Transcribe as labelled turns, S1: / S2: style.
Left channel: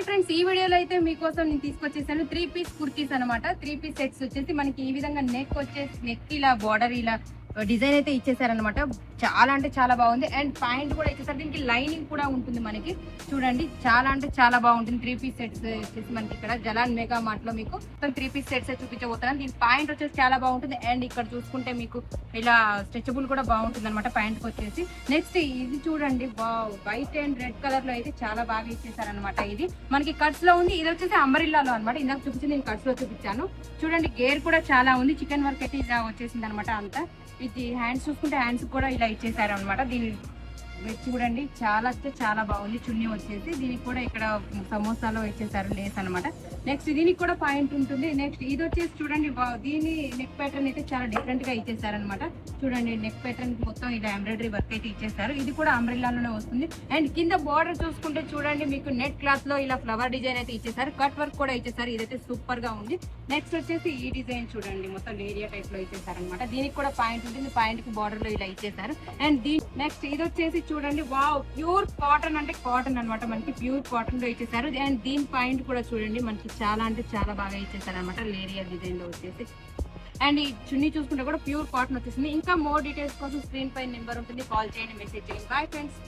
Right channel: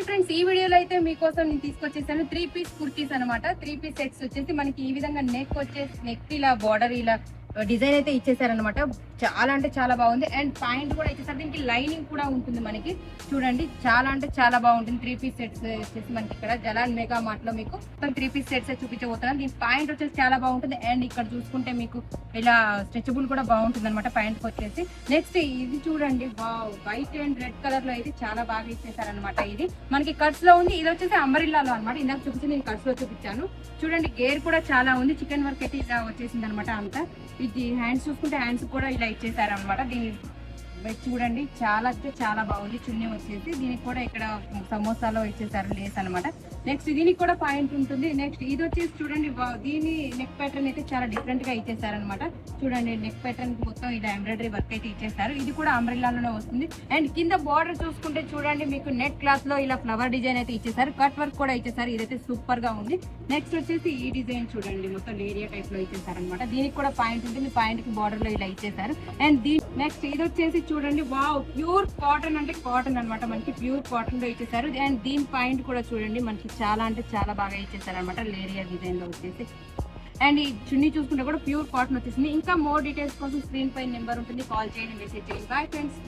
S1: Hi friends ఈ వీడియోలో అయితే మీకోసం నేను తీసుకొచ్చేసాను త్రీ పీస్ కుర్తీస్ అనమాట త్రీ పీస్ సెట్స్ వచ్చేసి మనకి ఈ విధంగా నెక్ వచ్చేసి నెక్ ఇలా బార్డర్ ఇలా uh, డిజైన్ అయితే ఇచ్చేసారనమాట చాలా అంటే చాలా బాగుంది. అండ్ ప్యాంట్ కూడా ఇచ్చేసరికి లైనింగ్ కూడా ఉంటుంది మనకి. చూడండి చాలా అంటే చాలా బాగుంటుంది. త్రీ పీస్ సెట్స్ వచ్చేసి మనకి ఇక్కడ జలాన్ మెగా మార్ట్లో మీకు త్రీ పీస్ సెట్స్ చూపించబోతున్నాను. దీని ప్యాంట్ వచ్చేసి చాలా బాగుంటుంది. అండ్ ఇక్కడ చూసుకుంటే మీకు ఇలా స్ట్రెచబుల్ కూడా బాగుంటుంది అనమాట ప్యాంట్ వచ్చేసి. నెక్స్ట్ ఇది చూడండి. వైట్ అండ్ రెడ్ కలర్లో అయితే చాలా బాగా ఇచ్చేసారనమాట ఇది. మనకి కట్స్లో ఉంది. ఇది వచ్చేసి అంబరిల్లాలో అనమాట ఇందాక చూపించి నేను కట్స్లో చూపించాను. చూడండి గేర్ కూడా చాలా ఉంది. చికెన్ వర్క్ అయితే ఇలా వచ్చేసింది అనమాట అంతా. ఇది హ్యాండ్స్ చూసుకుంటే హ్యాండ్స్ కూడా ఇలా ఇచ్చేసారు అనమాట దీని చూడండి చాలా అంటే చాలా బాగుంది. చున్నీ వచ్చేసి దీనికి కూడా ఇక్కడ సమోసాలో ఇచ్చేసారు లేస్ అనమాట నెక్స్ట్ దీనికి కూడా పాయింట్ ఉంటుంది. నెక్స్ట్ ఇది వచ్చేసి చూడండి దీని నెక్ ప్యాటర్న్ అయితే చాలా డిఫరెంట్గా ఇచ్చేసారనమాట చూడండి నెక్ ప్యాటర్న్ మొత్తం ఇలా ఎంబ్రాయిడరీ వర్క్ అయితే ఇచ్చేసారు. ఇది కూడా అంబ్రిల్లాలోనే వస్తుంది. అండ్ కింద బార్డర్ చూసుకుంటే చూడండి మీకు నెట్ క్లాత్లో ఇలా ఫ్లవర్ డిజైన్ అయితే ఇచ్చేసారు. కట్ వర్క్ కూడా ఇచ్చేసారు. ఇదైతే సూపర్గా ఉంది. నెక్స్ట్ వచ్చేసి ఈ డిజైన్ చూడండి మొత్తం ఏరియా టైప్లో ఇచ్చేసారనమాట దీనికి కూడా పాయింట్ ఉంటుంది. పాయింట్కి బార్డర్లో ఇలా ఇచ్చేసారు. అండ్ దీని నెక్స్ట్ ఇది వచ్చేసి చూడండి వావ్ ప్యూర్ కాటన్ అంటే కాటన్ అన్నమాట. మనకి ప్యూర్ కాటన్లో ఇచ్చేసారు. అండ్ దీని పాయింట్ కూడా చూడండి మనకి చాలా అంటే చాలా బాగా ఇచ్చేసారనమాట లేరియర్ లేరియా డిజైన్లో వచ్చేసి. అండ్ ఈ చున్నీ చూసుకుంటే కూడా ప్యూర్ కాటన్ వచ్చేసింది. ఇంకా మోర్ డీటెయిల్స్ కోసం స్క్రీన్ పై నెంబర్ ఉంటుంది. కాల్ చేయండి మెసేజ్ చేయండి. Bye friends